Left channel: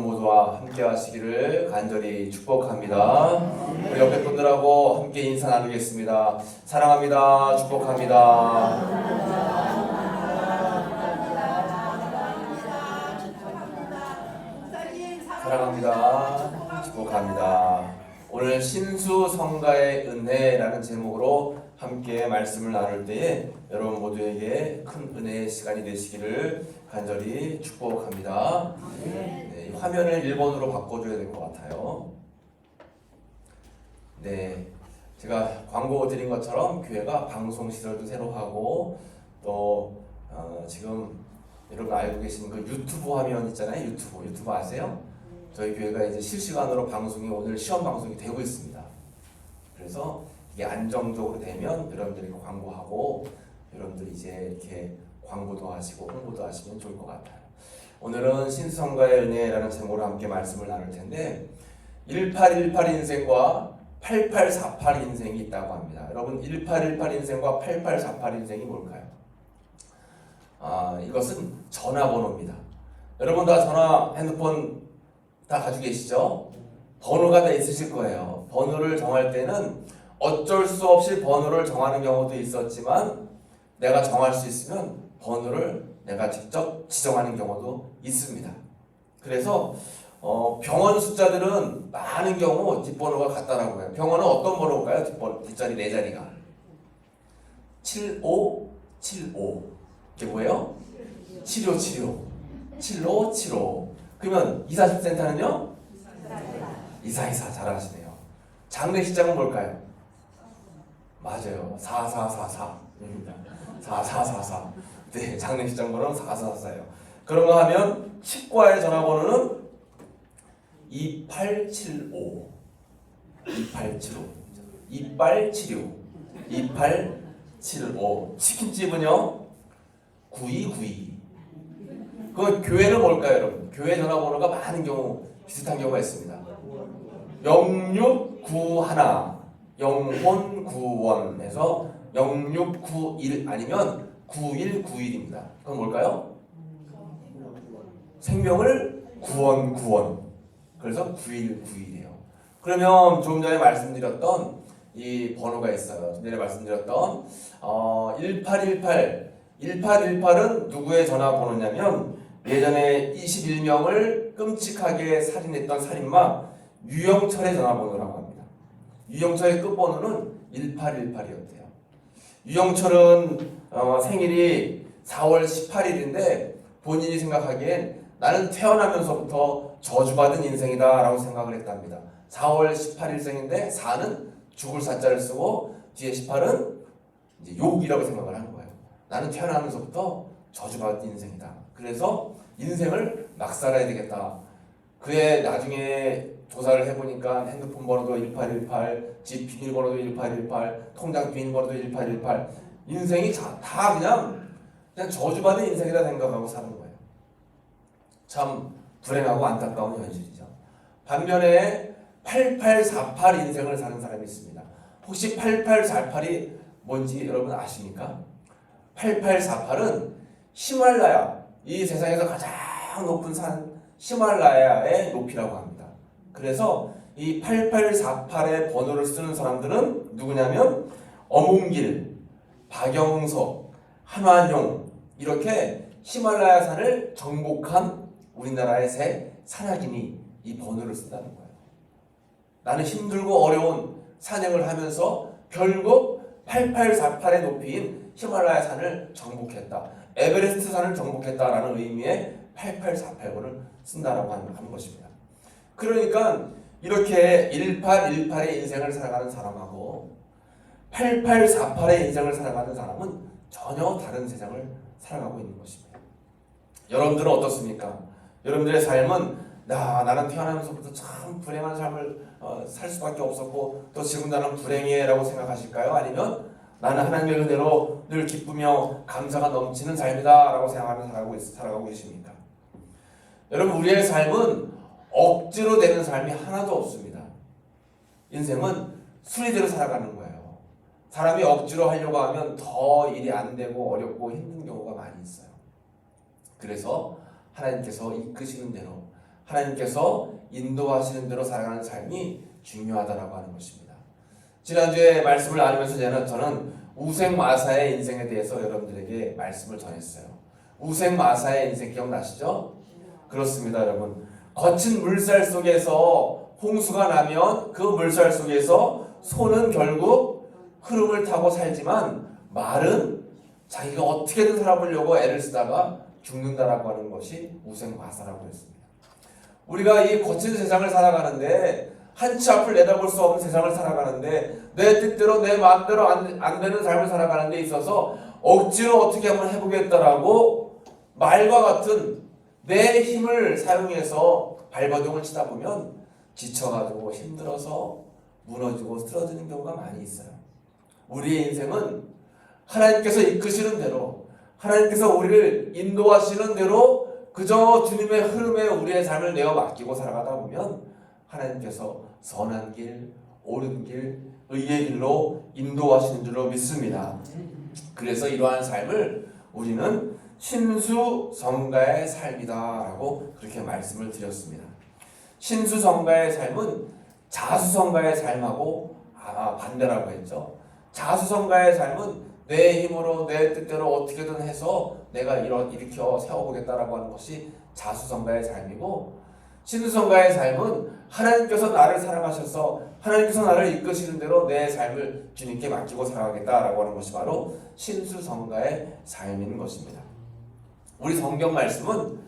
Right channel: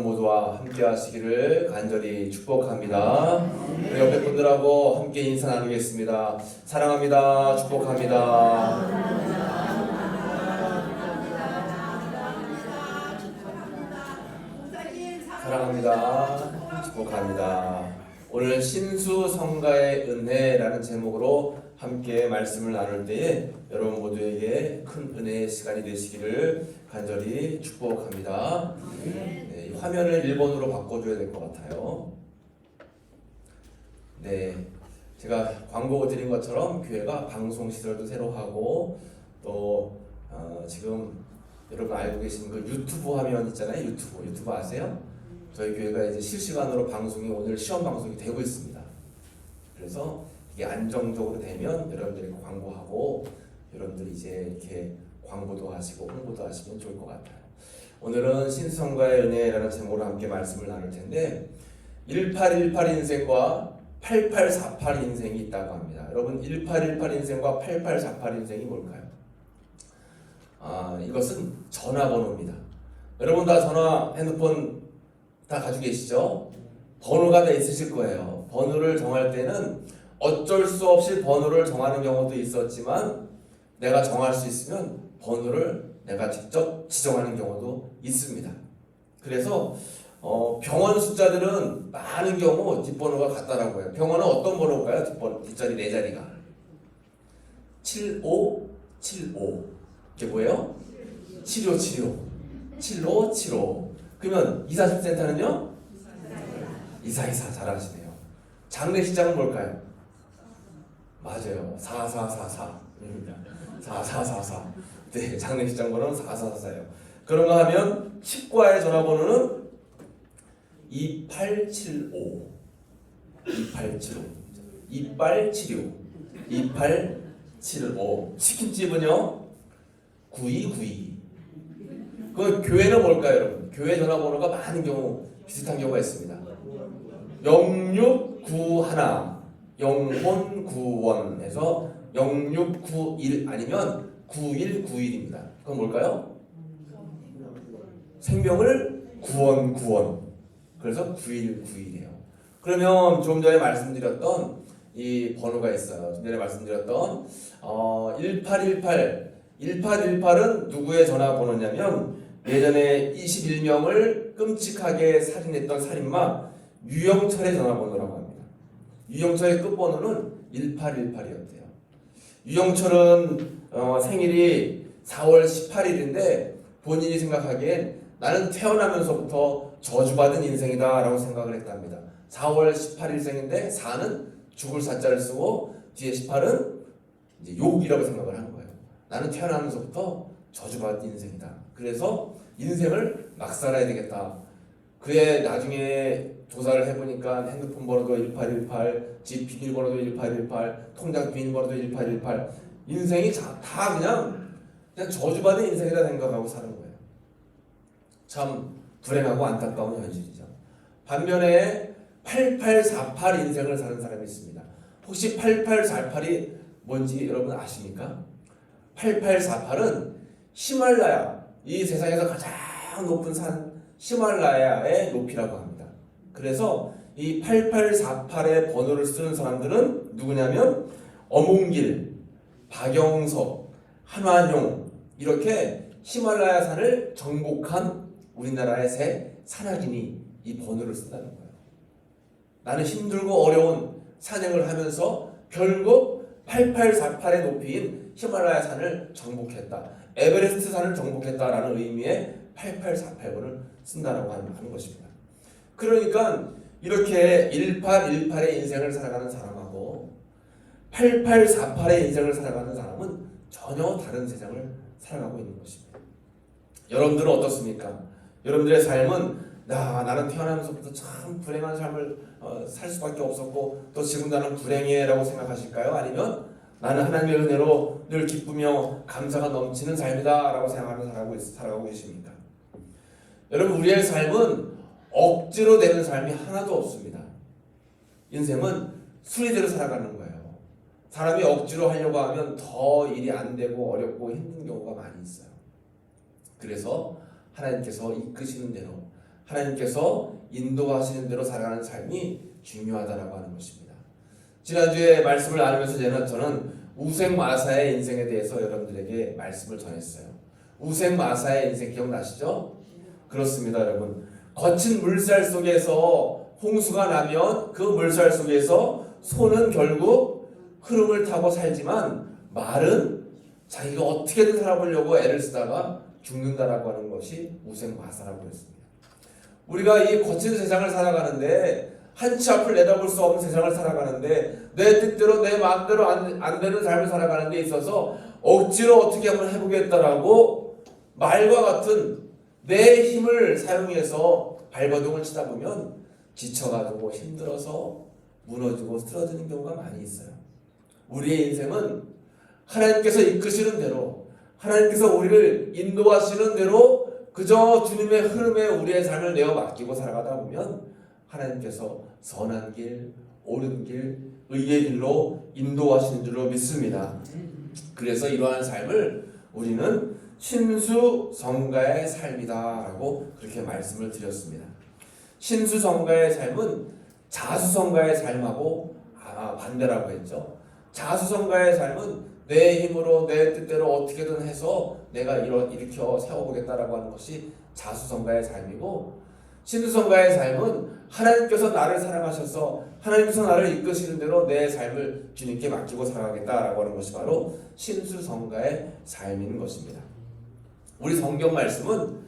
모두와 함께 하시기를 간절히 축복합니다. 우리 옆에 분들하고 함께 인사 나누겠습니다. 사랑합니다. 축복합니다. 사랑합니다. 축복합니다. 오늘 신수성가의 은혜라는 제목으로 함께 말씀을 나눌 때에 여러분 모두에게 큰 은혜의 시간이 되시기를 간절히 축복합니다. 네, 화면을 1번으로 바꿔줘야 될 것 같아요. 네, 제가 광고 드린 것처럼 교회가 방송 시설도 새로 하고 또 지금 여러분 알고 계신 그 유튜브 화면 있잖아요. 유튜브 아세요? 저희 교회가 이제 실시간으로 방송이 오늘 시험 방송이 되고 있습니다. 그래서 이게 안정적으로 되면 여러분들이 광고하고 여러분들이 이제 이렇게 광고도 하시고 홍보도 하시면 좋을 것 같아요. 오늘은 신성가의 은혜라는 제목으로 함께 말씀을 나눌 텐데 1818 인생과 8848 인생이 있다고 합니다. 여러분 1818 인생과 8848 인생이 뭘까요? 이것은 전화번호입니다. 여러분 다 핸드폰 다 가지고 계시죠? 번호가 다 있으실 거예요. 번호를 정할 때는 어쩔 수 없이 번호를 정하는 경우도 있었지만 내가 정할 수 있으면 번호를 내가 직접 지정하는 경우도 있습니다. 그래서 병원 숫자들은 많은 경우 뒷번호가 같다라고 해요. 병원은 어떤 번호일까요? 뒷자리 4자리가 7575 이게 뭐예요? 7575 그러면 24센터는요? 2424 잘하시네요. 장례식장은 뭘까요? 맞아요. 4444입니다. 4444. 네, 장례식장 번호는 4444예요. 그런 거 하면 치과의 전화번호는 2875 2875 치킨집은요? 9292. 그 교회는 뭘까요, 여러분? 교회 전화번호가 많은 경우 비슷한 경우가 있습니다. 0691 영혼구원에서 0691 아니면 9191입니다. 그건 뭘까요? 생명을 구원. 그래서 9191이에요. 그러면 조금 전에 말씀드렸던 이 번호가 있어요. 좀 전에 말씀드렸던 1818은 누구의 전화번호냐면 예전에 21명을 끔찍하게 살인했던 살인마 유영철의 전화번호라고 합니다. 유영철의 끝번호는 1818이었대요. 유영철은 생일이 4월 18일인데 본인이 생각하기엔 나는 태어나면서부터 저주받은 인생이다 라고 생각을 했답니다. 4월 18일생인데 4는 죽을 사자를 쓰고 뒤에 18은 이제 욕이라고 생각을 하는 거예요. 나는 태어나면서부터 저주받은 인생이다. 그래서 인생을 막 살아야 되겠다. 그의 나중에 조사를 해보니까 핸드폰 번호도 1818, 집 비밀번호도 1818, 통장 비밀번호도 1818. 인생이 다 그냥 저주받은 인생이라 생각하고 사는 거예요. 참 불행하고 안타까운 현실이죠. 반면에 8848 인생을 사는 사람이 있습니다. 혹시 8848이 뭔지 여러분 아십니까? 8848은 히말라야, 이 세상에서 가장 높은 산 히말라야의 높이라고 합니다. 그래서 이 8848의 번호를 쓰는 사람들은 누구냐면 어몽길, 박영석, 한완용 이렇게 히말라야 산을 정복한 우리나라의 새 산악인이 이 번호를 쓴다는 거예요. 나는 힘들고 어려운 산행을 하면서 결국 8848의 높이인 히말라야 산을 정복했다. 에베레스트 산을 정복했다라는 의미의 8848번을 쓴다라고 하는 것입니다. 그러니까 이렇게 1818의 인생을 살아가는 사람하고 8848의 인생을 살아가는 사람은 전혀 다른 세상을 살아가고 있는 것입니다. 여러분들은 어떻습니까? 여러분들의 삶은 나는 태어나면서부터 참 불행한 삶을 살 수밖에 없었고 또 지금 나는 불행해 라고 생각하실까요? 아니면 나는 하나님의 은혜로 늘 기쁘며 감사가 넘치는 삶이다 라고 생각하며 살아가고 계십니까? 여러분 우리의 삶은 억지로 되는 삶이 하나도 없습니다. 인생은 순리대로 살아가는 거예요. 사람이 억지로 하려고 하면 더 일이 안 되고 어렵고 힘든 경우가 많이 있어요. 그래서 하나님께서 이끄시는 대로 하나님께서 인도하시는 대로 살아가는 삶이 중요하다라고 하는 것입니다. 지난주에 말씀을 나누면서 저는 우생마사의 인생에 대해서 여러분들에게 말씀을 전했어요. 우생마사의 인생 기억나시죠? 그렇습니다, 여러분. 거친 물살 속에서 홍수가 나면 그 물살 속에서 소는 결국 흐름을 타고 살지만 말은 자기가 어떻게든 살아보려고 애를 쓰다가 죽는다라고 하는 것이 우생마사라고 했습니다. 우리가 이 거친 세상을 살아가는데 한치 앞을 내다볼 수 없는 세상을 살아가는데 내 뜻대로 내 마음대로 안 되는 삶을 살아가는 데 있어서 억지로 어떻게 한번 해보겠다라고 말과 같은 내 힘을 사용해서 발버둥을 치다 보면 지쳐가지고 힘들어서 무너지고 쓰러지는 경우가 많이 있어요. 우리의 인생은 하나님께서 이끄시는 대로, 하나님께서 우리를 인도하시는 대로 그저 주님의 흐름에 우리의 삶을 내어 맡기고 살아가다 보면 하나님께서 선한 길, 옳은 길, 의의 길로 인도하시는 줄로 믿습니다. 그래서 이러한 삶을 우리는 신수성가의 삶이다라고 그렇게 말씀을 드렸습니다. 신수성가의 삶은 자수성가의 삶하고 반대라고 했죠. 자수성가의 삶은 내 힘으로 내 뜻대로 어떻게든 해서 내가 일으켜 세워보겠다라고 하는 것이 자수성가의 삶이고, 신수성가의 삶은 하나님께서 나를 사랑하셔서 하나님께서 나를 이끄시는 대로 내 삶을 주님께 맡기고 살아가겠다라고 하는 것이 바로 신수성가의 삶인 것입니다. 우리 성경 말씀은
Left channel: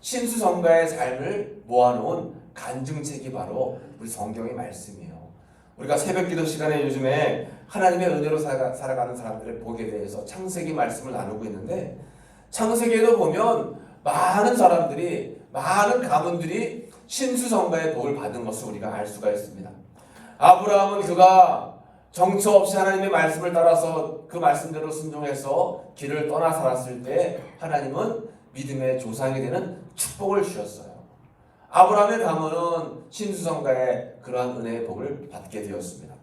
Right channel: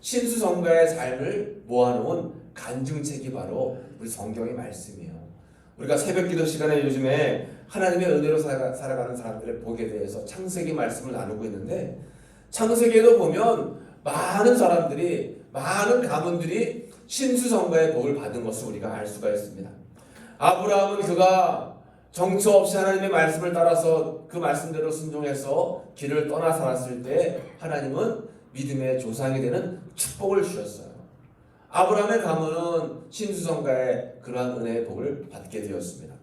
신수성가의 삶을 모아놓은 간증책이 바로 우리 성경의 말씀이에요. 우리가 새벽기도 시간에 요즘에 하나님의 은혜로 살아가는 사람들의 복에 대해서 창세기 말씀을 나누고 있는데, 창세기에도 보면 많은 사람들이, 많은 가문들이 신수성가의 복을 받은 것을 우리가 알 수가 있습니다. 아브라함은 그가 정처 없이 하나님의 말씀을 따라서 그 말씀대로 순종해서 길을 떠나 살았을 때 하나님은 믿음의 조상이 되는 축복을 주셨어요. 아브라함의 가문은 신수성가의 그러한 은혜의 복을 받게 되었습니다.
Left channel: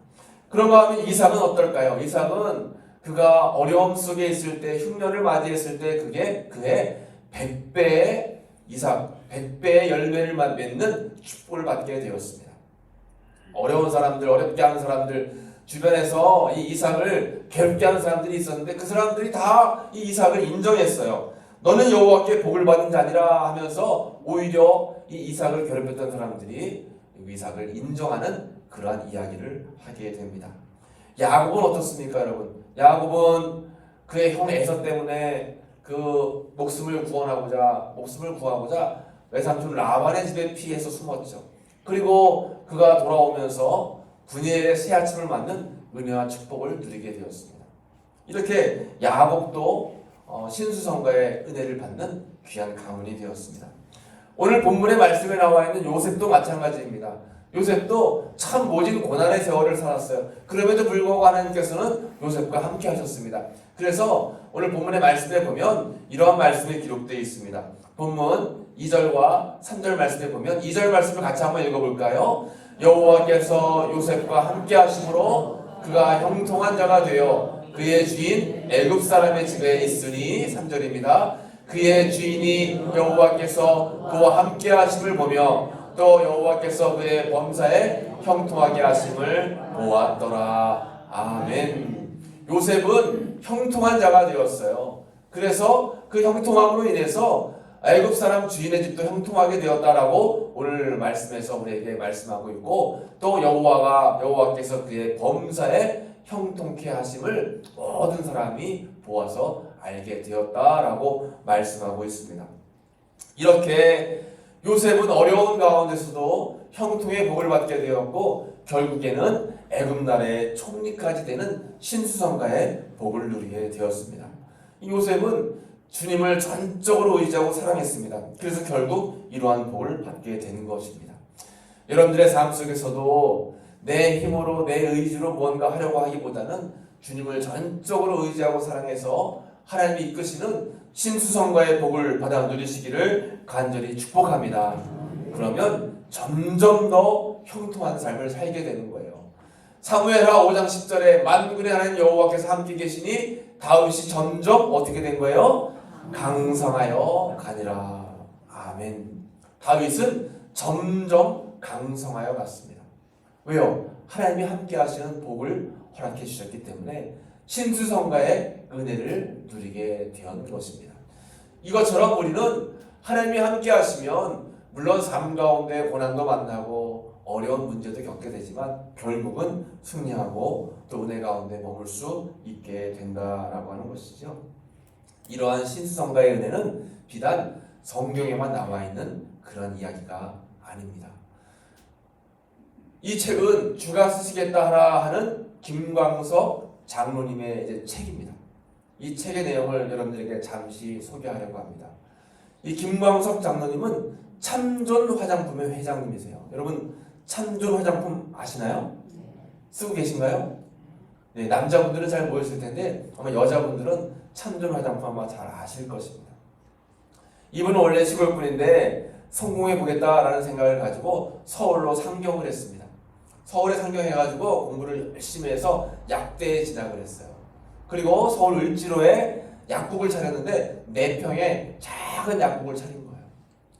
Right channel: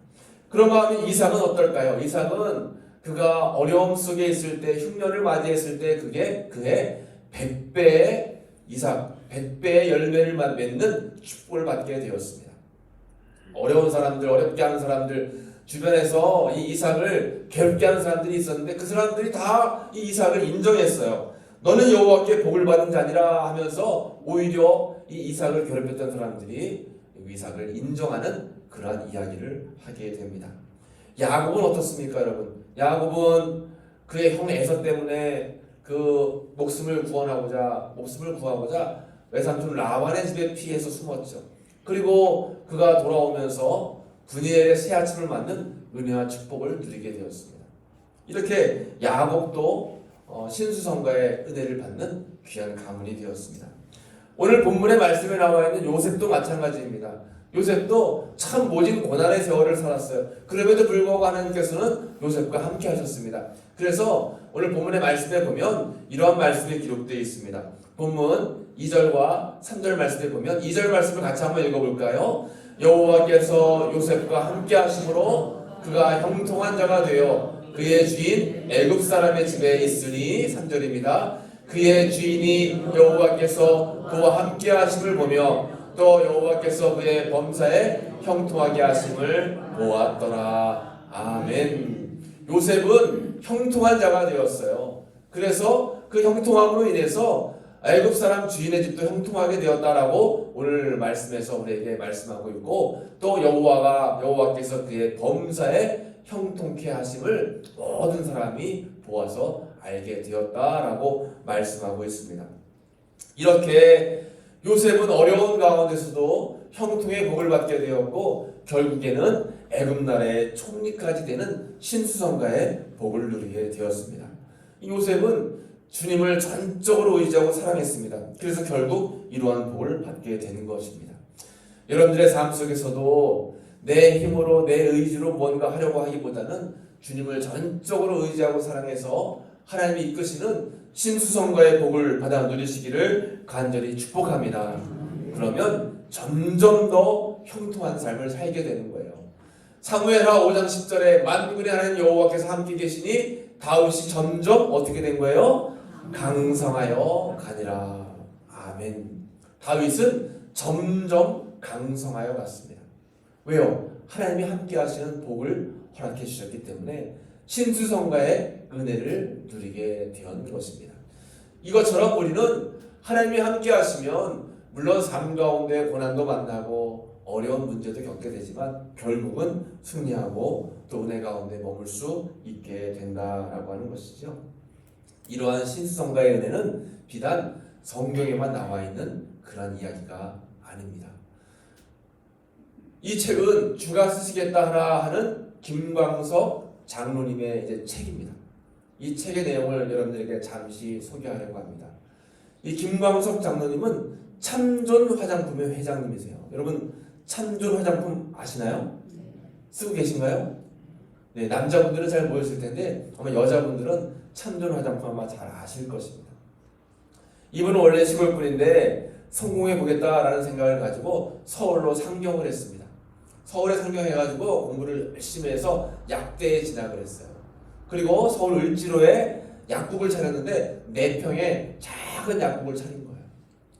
그런 마음에 이삭은 어떨까요? 이삭은 그가 어려움 속에 있을 때, 흉년을 맞이했을 때 그게 그의 100배의 이삭, 100배의 열매를 맺는 축복을 받게 되었습니다. 어려운 사람들, 어렵게 하는 사람들, 주변에서 이 이삭을 괴롭게 하는 사람들이 있었는데 그 사람들이 다 이 이삭을 인정했어요. 너는 여호와께 복을 받은 자니라 하면서 오히려 이 이삭을 괴롭혔던 사람들이 이삭을 인정하는 그러한 이야기를 하게 됩니다. 야곱은 어떻습니까, 여러분? 야곱은 그의 형 에서 때문에 그 목숨을 구하고자 외삼촌 라반의 집에 피해서 숨었죠. 그리고 그가 돌아오면서 분이엘의 새 아침을 맞는 은혜와 축복을 누리게 되었습니다. 이렇게 야곱도 신수성가의 은혜를 받는 귀한 가문이 되었습니다. 오늘 본문의 말씀에 나와 있는 요셉도 마찬가지입니다. 요셉도 참 모진 고난의 세월을 살았어요. 그럼에도 불구하고 하나님께서는 요셉과 함께 하셨습니다. 그래서 오늘 본문의 말씀에 보면 이러한 말씀이 기록되어 있습니다. 본문 2절과 3절 말씀에 보면 2절 말씀을 같이 한번 읽어볼까요? 여호와께서 요셉과 함께 하심으로 그가 형통한 자가 되어 그의 주인 애굽 사람의 집에 있으니, 3절입니다. 그의 주인이 여호와께서 그와 함께 하심을 보며 또 여호와께서 그의 범사에 형통하게 하심을 보았더라. 아멘. 요셉은 형통한 자가 되었어요. 그래서 그 형통함으로 인해서 애굽 사람 주인의 집도 형통하게 되었다라고 오늘 말씀에서 우리에게 말씀하고 있고, 또 여호와께서 그의 범사에 형통케 하심을 모든 사람이 보아서 알게 되었다라고 말씀하고 있습니다. 이렇게 요셉은 어려운 가운데서도 형통의 복을 받게 되었고 결국에는 애굽 나라의 총리까지 되는 신수성가의 복을 누리게 되었습니다. 요셉은 주님을 전적으로 의지하고 사랑했습니다. 그래서 결국 이러한 복을 받게 되는 것입니다. 여러분들의 삶 속에서도 내 힘으로 내 의지로 뭔가 하려고 하기보다는 주님을 전적으로 의지하고 사랑해서 하나님이 이끄시는 신수성가의 복을 받아 누리시기를 간절히 축복합니다. 그러면 점점 더 형통한 삶을 살게 되는 거예요. 사무엘하 5장 10절에 만군의 하나님 여호와께서 함께 계시니 다윗이 점점 어떻게 된 거예요? 강성하여 가니라. 아멘. 다윗은 점점 강성하여 갔습니다. 왜요? 하나님이 함께 하시는 복을 허락해 주셨기 때문에 신수성가의 은혜를 누리게 된 것입니다. 이것처럼 우리는 하나님이 함께 하시면 물론 삶 가운데 고난도 만나고 어려운 문제도 겪게 되지만 결국은 승리하고 또 은혜 가운데 머물 수 있게 된다라고 하는 것이죠. 이러한 신수성가의 은혜는 비단 성경에만 나와 있는 그런 이야기가 아닙니다. 이 책은 주가 쓰시겠다 하라 하는 김광석 장로님의 이제 책입니다. 이 책의 내용을 여러분들에게 잠시 소개하려고 합니다. 이 김광석 장로님은 참존 화장품의 회장님이세요. 여러분 참존 화장품 아시나요? 쓰고 계신가요? 네, 남자분들은 잘 모르실 텐데 아마 여자분들은 참존 화장품 아마 잘 아실 것입니다. 이분은 원래 시골 분인데 성공해 보겠다라는 생각을 가지고 서울로 상경을 했습니다. 서울에 상경해가지고 공부를 열심히 해서 약대에 진학을 했어요. 그리고 서울 을지로에 약국을 차렸는데 4평에 작은 약국을 차린 거예요.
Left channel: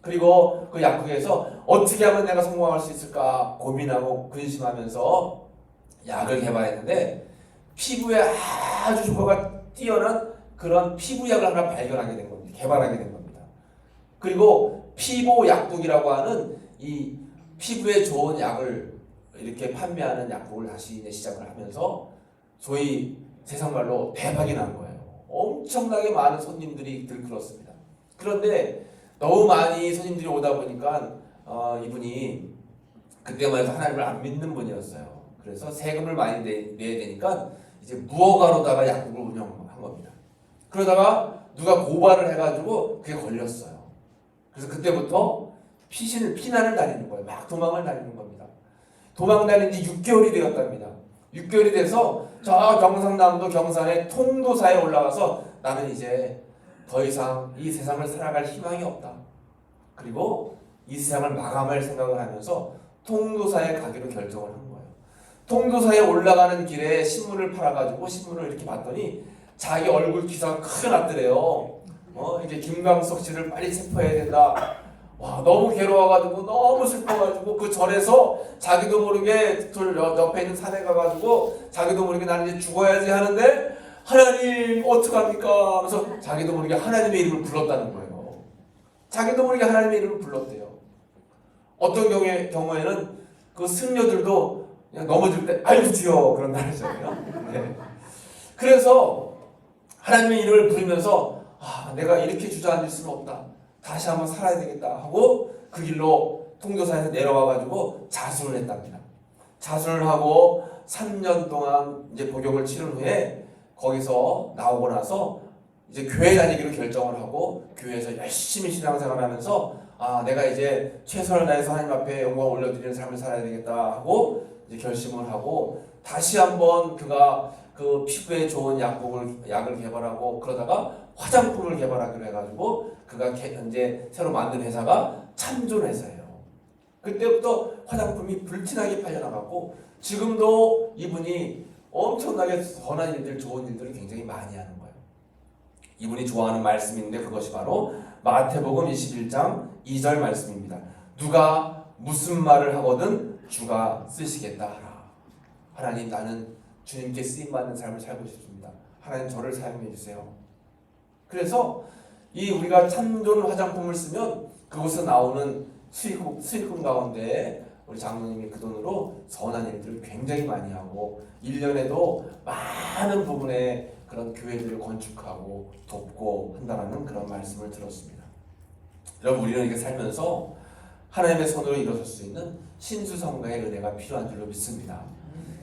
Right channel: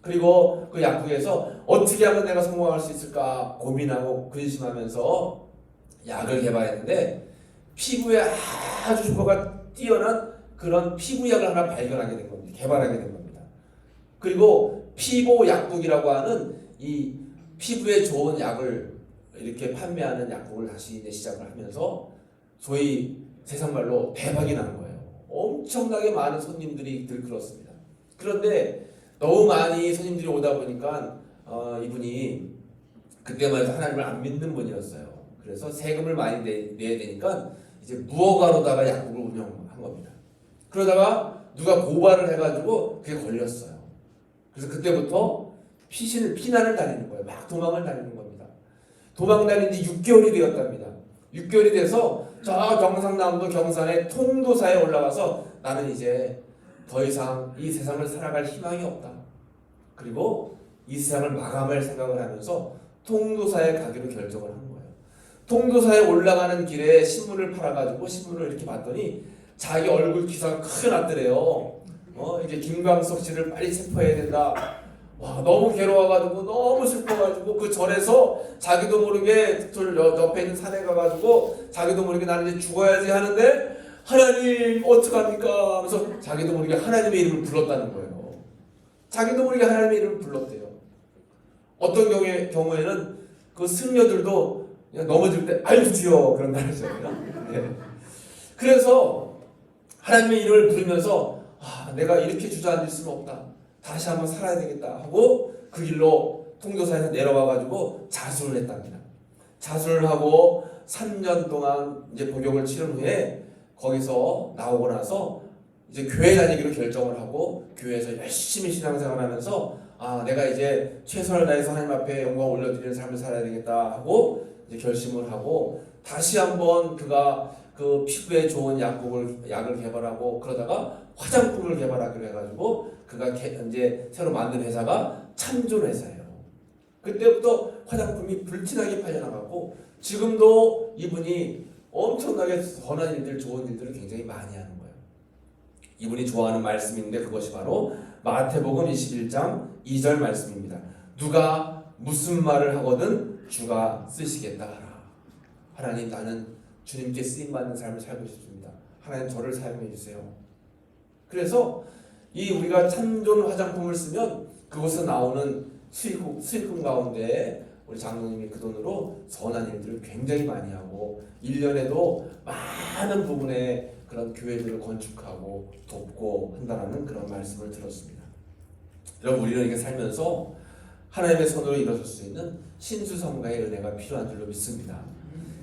그리고 그 약국에서 어떻게 하면 내가 성공할 수 있을까 고민하고 근심하면서 약을 개발했는데 피부에 아주 효과가 뛰어난 그런 피부약을 하나 발견하게 된 겁니다. 개발하게 된 겁니다. 그리고 피보 약국이라고 하는 이 피부에 좋은 약을 이렇게 판매하는 약국을 다시 이제 시작을 하면서 소위 세상말로 대박이 난 거예요. 엄청나게 많은 손님들이 들끓었습니다. 그런데 너무 많이 손님들이 오다 보니까 이분이 그때만 해도 하나님을 안 믿는 분이었어요. 그래서 세금을 많이 내야 되니까 이제 무허가로다가 약국을 운영한 겁니다. 그러다가 누가 고발을 해가지고 그게 걸렸어요. 그래서 그때부터 피난을 다니는 거예요. 막 도망을 다니는 겁니다. 도망 다닌 지 6개월이 되었답니다. 6개월이 돼서 저 경상남도 경산의 통도사에 올라가서 나는 이제 더 이상 이 세상을 살아갈 희망이 없다. 그리고 이 세상을 마감할 생각을 하면서 통도사에 가기로 결정을 한 거예요. 통도사에 올라가는 길에 신문을 팔아가지고 신문을 이렇게 봤더니 자기 얼굴 기사가 크게 났더래요. 이게 김광석 씨를 빨리 체포해야 된다. 와, 너무 괴로워가지고 너무 슬퍼가지고 그 절에서 자기도 모르게 옆에 있는 산에 가가지고 자기도 모르게 나는 이제 죽어야지 하는데 하나님 어떡합니까? 하면서 자기도 모르게 하나님의 이름을 불렀다는 거예요. 자기도 모르게 하나님의 이름을 불렀대요. 어떤 경우에는 그 승려들도 그냥 넘어질 때 아이고 주여 그런다는 거예요. 네. 그래서 하나님의 이름을 부르면서 내가 이렇게 주저앉을 수는 없다. 다시 한번 살아야 되겠다 하고 그 길로 통도사에서 내려와가지고 자수를 했답니다. 자수를 하고 3년 동안 이제 복역을 치른 후에 거기서 나오고 나서 이제 교회 다니기로 결정을 하고 교회에서 열심히 신앙생활하면서 내가 이제 최선을 다해서 하나님 앞에 영광 올려드리는 삶을 살아야 되겠다 하고 이제 결심을 하고 다시 한번 그가 그 피부에 좋은 약을 개발하고 그러다가 화장품을 개발하기로 해가지고 그가 이제 새로 만든 회사가 참존 회사예요. 그때부터 화장품이 불티나게 팔려나갔고 지금도 이분이 엄청나게 선한 일들, 좋은 일들을 굉장히 많이 하는 거예요. 이분이 좋아하는 말씀인데 그것이 바로 마태복음 21장 2절 말씀입니다. 누가 무슨 말을 하거든 주가 쓰시겠다 하라. 하나님 나는 주님께 쓰임받는 삶을 살고 싶습니다. 하나님 저를 사용해 주세요. 그래서 이 우리가 참존 화장품을 쓰면 그곳에 나오는 수익금 가운데 우리 장로님이 그 돈으로 선한 일들을 굉장히 많이 하고 1년에도 많은 부분에 그런 교회들을 건축하고 돕고 한다는 그런 말씀을 들었습니다. 여러분 우리는 이렇게 살면서 하나님의 손으로 일어설 수 있는 신수성가의 은혜가 필요한 줄로 믿습니다.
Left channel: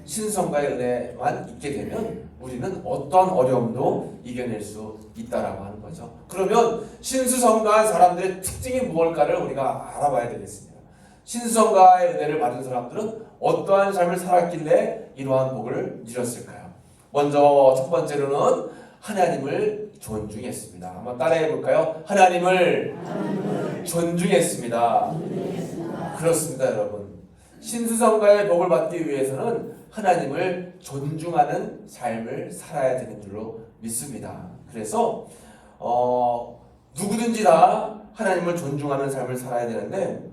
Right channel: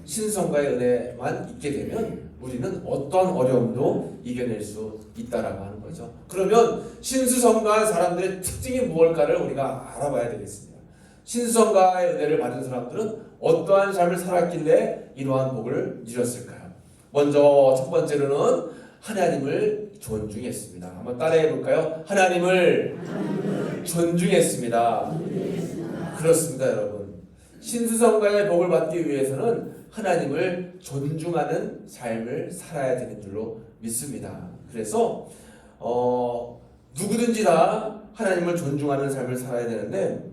신수성가의 은혜만 있게 되면 우리는 어떤 어려움도 이겨낼 수 있다라고 하는 거죠. 그러면 신수성가한 사람들의 특징이 무엇일까를 우리가 알아봐야 되겠습니다. 신수성가의 은혜를 받은 사람들은 어떠한 삶을 살았길래 이러한 복을 누렸을까요? 먼저 첫 번째로는 하나님을 존중했습니다. 한번 따라해 볼까요? 하나님을 존중했습니다. 그렇습니다, 여러분. 신수성가의 복을 받기 위해서는 하나님을 존중하는 삶을 살아야 되는 줄로 믿습니다. 그래서 누구든지 다 하나님을 존중하는 삶을 살아야 되는데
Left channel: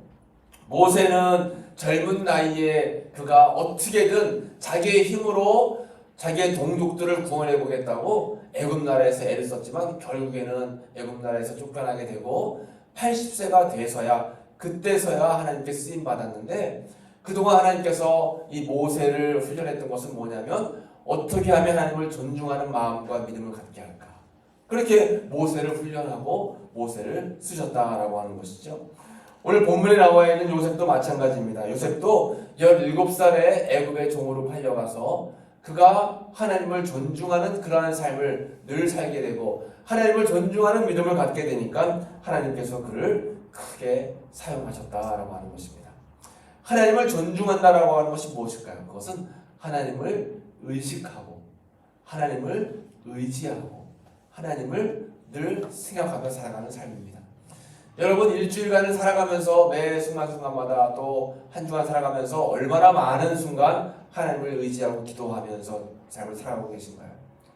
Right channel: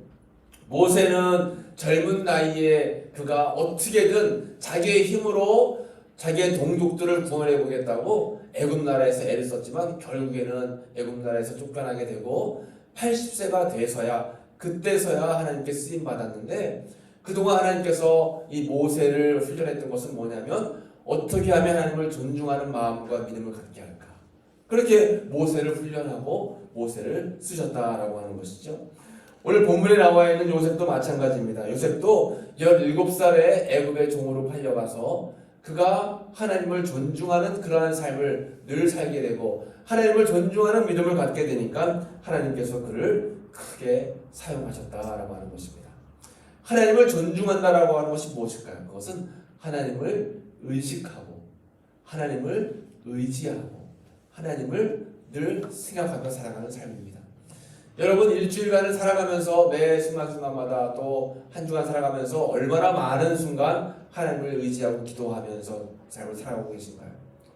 모세는 젊은 나이에 그가 어떻게든 자기의 힘으로 자기의 동족들을 구원해 보겠다고 애굽 나라에서 애를 썼지만 결국에는 애굽 나라에서 쫓겨나게 되고 80세가 돼서야 그때서야 하나님께 쓰임 받았는데, 그동안 하나님께서 이 모세를 훈련했던 것은 뭐냐면 어떻게 하면 하나님을 존중하는 마음과 믿음을 갖게 할까. 그렇게 모세를 훈련하고 모세를 쓰셨다라고 하는 것이죠. 오늘 본문에 나와 있는 요셉도 마찬가지입니다. 요셉도 17살에 애굽의 종으로 팔려가서 그가 하나님을 존중하는 그러한 삶을 늘 살게 되고 하나님을 존중하는 믿음을 갖게 되니까 하나님께서 그를 크게 사용하셨다라고 하는 것입니다. 하나님을 존중한다라고 하는 것이 무엇일까요? 그것은 하나님을 의식하고 하나님을 의지하고 하나님을 늘 생각하며 살아가는 삶입니다. 여러분, 일주일간을 살아가면서 매 순간순간마다 또 한 주간 살아가면서 얼마나 많은 순간 하나님을 의지하고 기도하면서 삶을 살아가고 계신가요?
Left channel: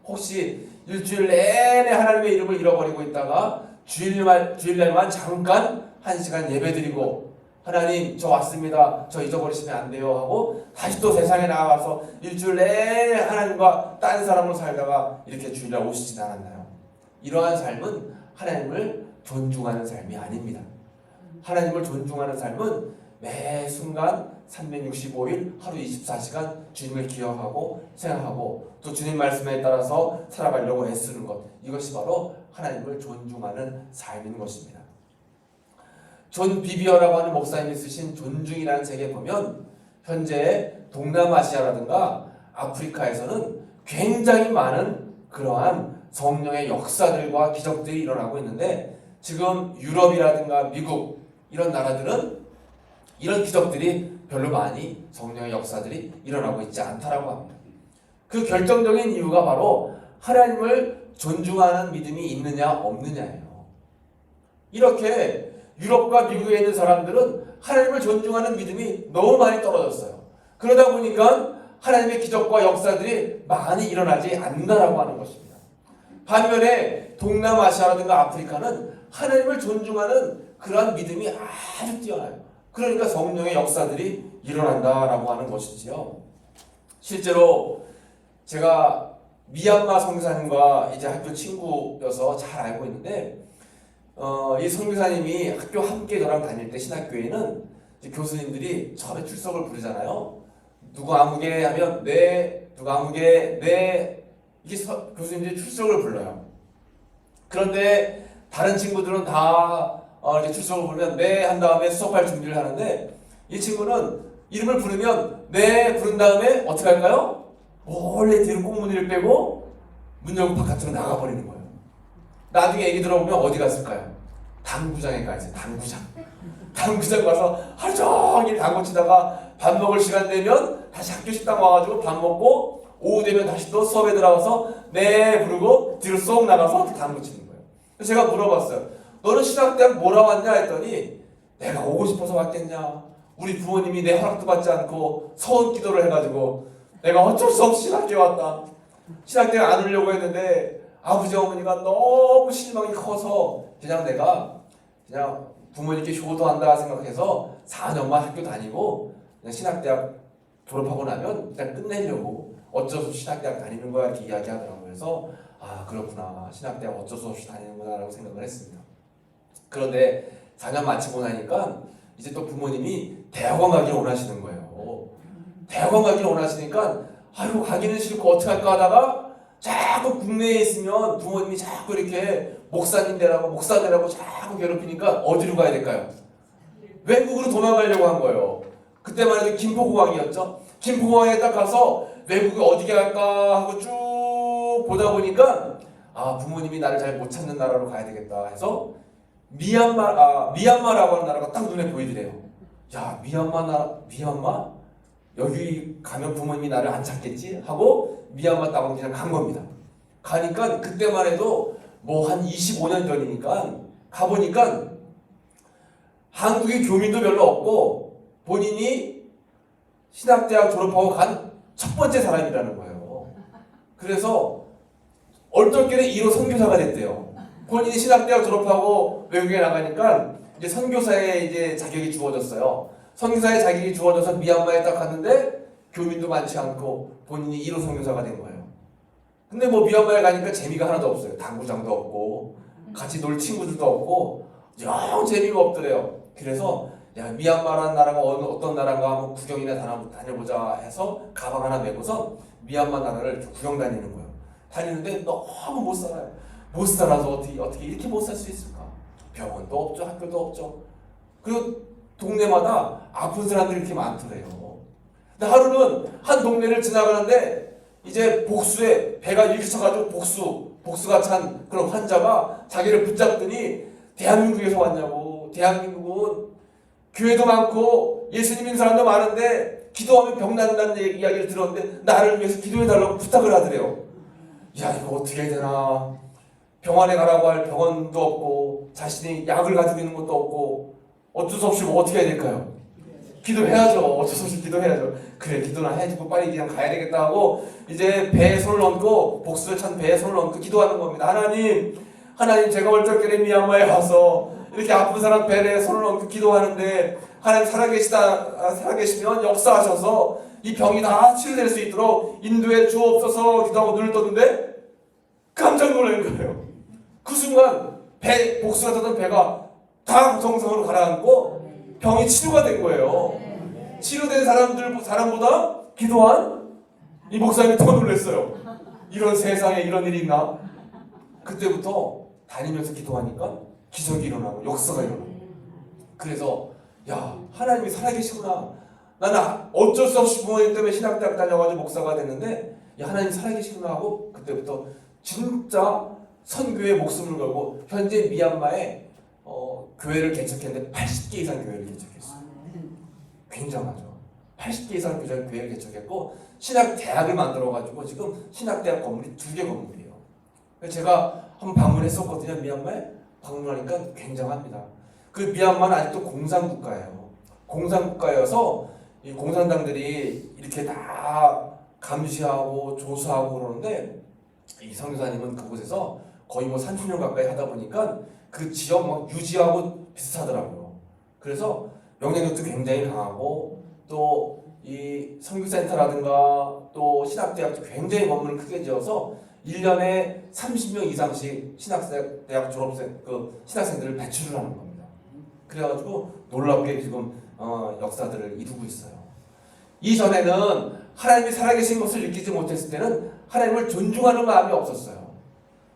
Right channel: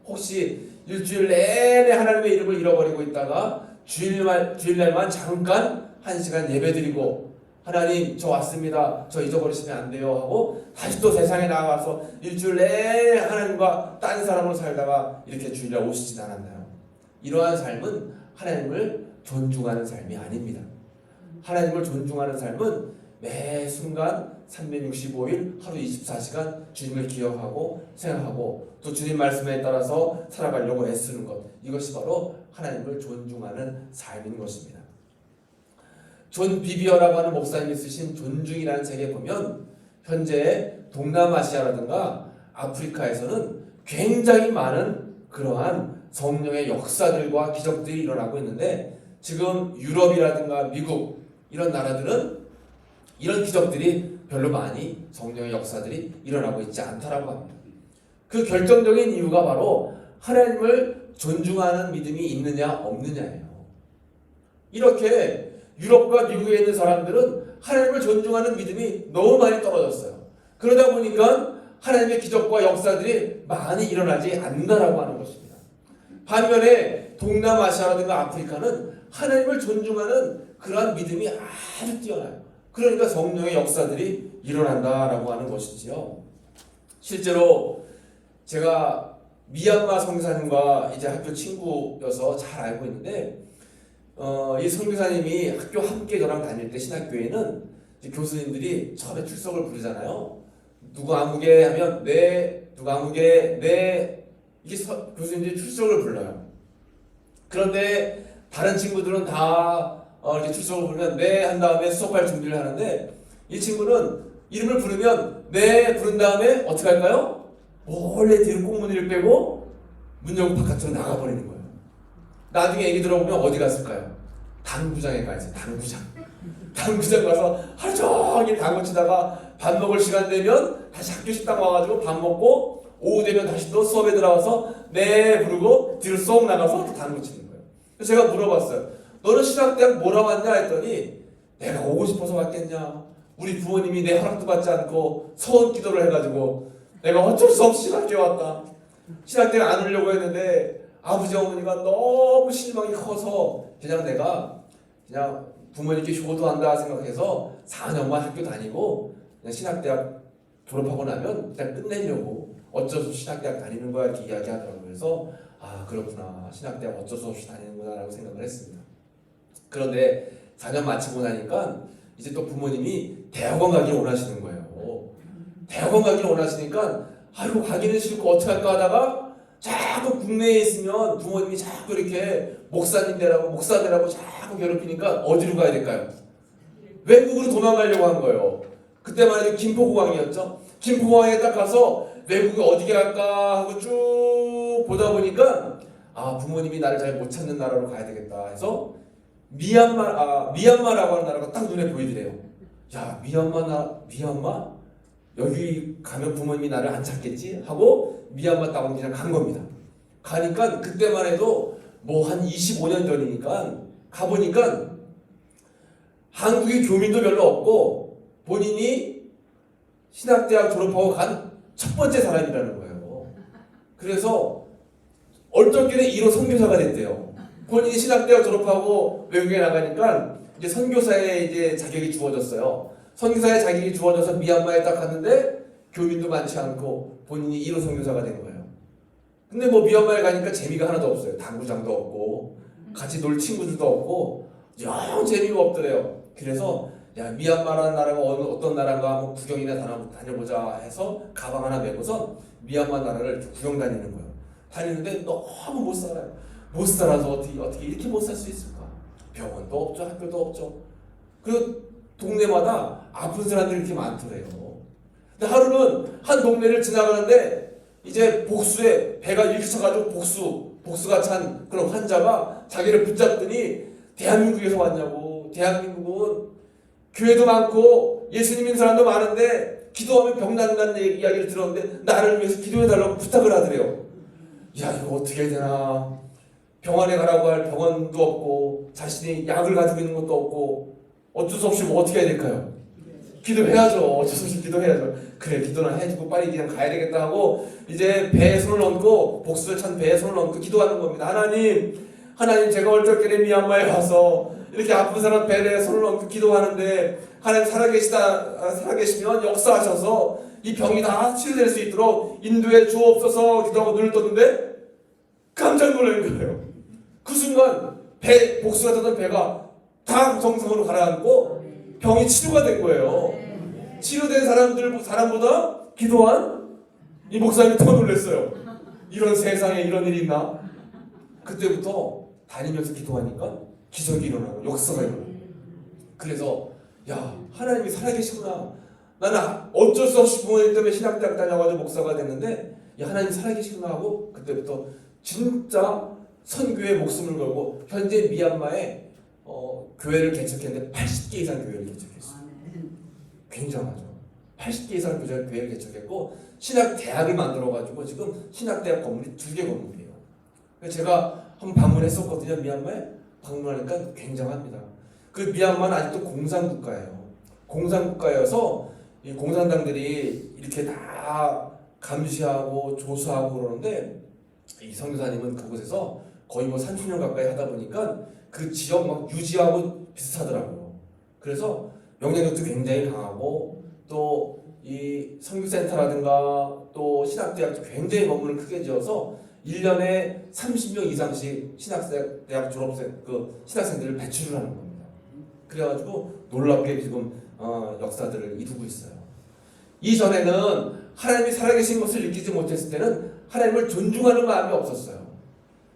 혹시 일주일 내내 하나님의 이름을 잃어버리고 있다가 주일날만 잠깐 1시간 예배드리고 하나님 저 왔습니다, 저 잊어버리시면 안 돼요 하고 다시 또 세상에 나가서 일주일 내내 하나님과 다른 사람으로 살다가 이렇게 주일날 오시진 않았나요? 이러한 삶은 하나님을 존중하는 삶이 아닙니다. 하나님을 존중하는 삶은 매 순간 365일 하루 24시간 주님을 기억하고 생각하고 또 주님 말씀에 따라서 살아가려고 애쓰는 것, 이것이 바로 하나님을 존중하는 삶인 것입니다. 존 비비어라고 하는 목사님이 쓰신 존중이라는 책에 보면 현재 동남아시아라든가 아프리카에서는 굉장히 많은 그러한 성령의 역사들과 기적들이 일어나고 있는데, 지금 유럽이라든가 미국 이런 나라들은 이런 기적들이 별로 많이 성령의 역사들이 일어나고 있지 않다라고 합니다. 그 결정적인 이유가 바로 하나님을 존중하는 믿음이 있느냐 없느냐예요. 이렇게 유럽과 미국에 있는 사람들은 하나님을 존중하는 믿음이 너무 많이 떨어졌어요. 그러다 보니까 하나님의 기적과 역사들이 많이 일어나지 않는다라고 하는 것입니다. 반면에 동남아시아라든가 아프리카는 하나님을 존중하는 그러한 믿음이 아주 뛰어나요. 그러니까 성령의 역사들이 일어난다라고 하는 것이지요. 실제로 제가 미얀마 선교사님과 이제 학교 친구여서 잘 알고 있는데, 이 선교사님이 학교 함께 저랑 다닐 때 신학교에는 이제 교수님들이 처음에 출석을 부르잖아요. 누구 아무개 하면 네, 누구 아무개 네, 이게 교수님들이 출석을 불러요. 그런데 다른 친구들은 다 이렇게 출석을 부르면 네 한 다음에 수업할 준비를 하는데, 이 친구는 이름을 부르면 네 부른 다음에 어떻게 할까요? 몰래 뒤로 꽁무니를 빼고 문 열고 바깥으로 나가버리는 거예요. 나중에 얘기 들어보면 어디 갔을까요? 당구장에 가 있어요. 당구장 가서 하루 종일 당구 치다가 밥 먹을 시간 되면 다시 학교 식당 와가지고 밥 먹고 오후 되면 다시 또 수업에 들어가서 네 부르고 뒤로 쏙 나가서 또 당구 치는 거예요. 그래서 제가 물어봤어요. 너는 신학대학 뭐라 왔냐 했더니 내가 오고 싶어서 왔겠냐. 우리 부모님이 내 허락도 받지 않고 서원 기도를 해가지고 내가 어쩔 수 없이 신학교에 왔다. 신학대학 안 오려고 했는데 아버지 어머니가 너무 실망이 커서 내가 부모님께 효도한다 생각해서 4년만 학교 다니고 그냥 신학대학 졸업하고 나면 그냥 끝내려고 어쩔 수 없이 신학대학 다니는 거야 이렇게 이야기하더라고요. 그래서 아 그렇구나, 신학대학 어쩔 수 없이 다니는구나 라고 생각을 했습니다. 그런데 4년 마치고 나니까 이제 또 부모님이 대학원 가기를 원하시는 거예요. 대학원 가기를 원하시니까 아이고 가기는 싫고 어떻게 할까 하다가 자꾸 국내에 있으면 부모님이 자꾸 이렇게 목사님 되라고 자꾸 괴롭히니까 어디로 가야 될까요? 외국으로 도망가려고 한 거예요. 그때만 해도 김포공항이었죠. 김포공항에 딱 가서 외국에 어디게 갈까 하고 쭉 보다 보니까 아 부모님이 나를 잘 못 찾는 나라로 가야 되겠다 해서 미얀마라고 하는 나라가 딱 눈에 보이더래요. 야 미얀마? 여기 가면 부모님이 나를 안 찾겠지? 하고 미얀마 땅으로 그냥 간 겁니다. 가니까 그때만 해도 뭐 한 25년 전이니까 가보니까 한국의 교민도 별로 없고 본인이 신학대학 졸업하고 간 첫 번째 사람이라는 거예요. 그래서 얼떨결에 1호 선교사가 됐대요. 본인이 신학대학 졸업하고 외국에 나가니까 이제 선교사의 이제 자격이 주어졌어요. 선교사의 자격이 주어져서 미얀마에 딱 갔는데 교민도 많지 않고 본인이 1호 선교사가 된 거예요. 근데 뭐 미얀마에 가니까 재미가 하나도 없어요. 당구장도 없고 같이 놀 친구들도 없고 영 재미가 없더래요. 그래서 야, 미얀마라는 나라가 어떤 나라인가 한번 구경이나 다녀보자 해서 가방 하나 메고서 미얀마 나라를 구경 다니는 거예요. 다니는데 너무 못 살아요. 못 살아서 어떻게 이렇게 못 살 수 있을까? 병원도 없죠, 학교도 없죠. 그리고 동네마다 아픈 사람들이 이렇게 많더래요. 근데 하루는 한 동네를 지나가는데 이제 복수에 배가 이렇게 쳐가지고 복수가 찬 그런 환자가 자기를 붙잡더니 대한민국에서 왔냐고. 대한민국은 교회도 많고 예수님 믿는 사람도 많은데 기도하면 병 낫는다는 이야기를 들었는데 나를 위해서 기도해달라고 부탁을 하더래요. 야, 이거 어떻게 해야 되나. 병원에 가라고 할 병원도 없고 자신이 약을 가지고 있는 것도 없고 어쩔 수 없이 뭐 어떻게 해야 될까요? 기도해야죠. 어쩔 수 없이 기도해야죠. 그래, 기도나 해주고 빨리 그냥 가야 되겠다 하고 이제 배에 손을 얹고 복수를 찬 배에 손을 얹고 기도하는 겁니다. 하나님 제가 얼떨결에 미얀마에 와서 이렇게 아픈 사람 배에 손을 얹고 기도하는데 하나님 살아계시면 역사하셔서 이 병이 다 치료될 수 있도록 인도에 주옵소서 기도하고 눈을 떴는데 깜짝 놀란 거예요. 그 순간 복수가 떴던 배가 다 정상으로 가라앉고 병이 치료가 된 거예요. 치료된 사람보다 기도한 이 목사님이 더 놀랐어요. 이런 세상에 이런 일이 있나? 그때부터 다니면서 기도하니까 기적이 일어나고 역사가 일어나고. 그래서 야, 하나님이 살아계시구나. 나는 어쩔 수 없이 부모님 때문에 신학대학 다녀가지고 목사가 됐는데 야, 하나님 살아계시구나 하고 그때부터 진짜 선교에 목숨을 걸고 현재 미얀마에 교회를 개척했는데 80개 이상 교회를 개척했어요. 굉장하죠. 80개 이상 교회를 개척했고 신학대학을 만들어가지고 지금 신학대학 건물이 2개 건물이에요. 제가 한번 방문했었거든요. 미얀마에. 방문하니까 굉장합니다. 그 미얀마는 아직도 공산국가예요. 공산국가여서 이 공산당들이 이렇게 다 감시하고 조사하고 그러는데 이 선교사님은 그곳에서 거의 뭐 30년 가까이 하다 보니까 그 지역 막 유지하고 비슷하더라고요. 그래서 영향력도 굉장히 강하고 또 이 선교센터라든가 또 신학대학도 굉장히 건물을 크게 지어서 1년에 30명 이상씩 신학대학 졸업생 신학생들을 배출을 하는 겁니다. 그래가지고 놀랍게 지금 역사들을 이루고 있어요. 이전에는 하나님이 살아계신 것을 느끼지 못했을 때는 하나님을 존중하는 마음이 없었어요.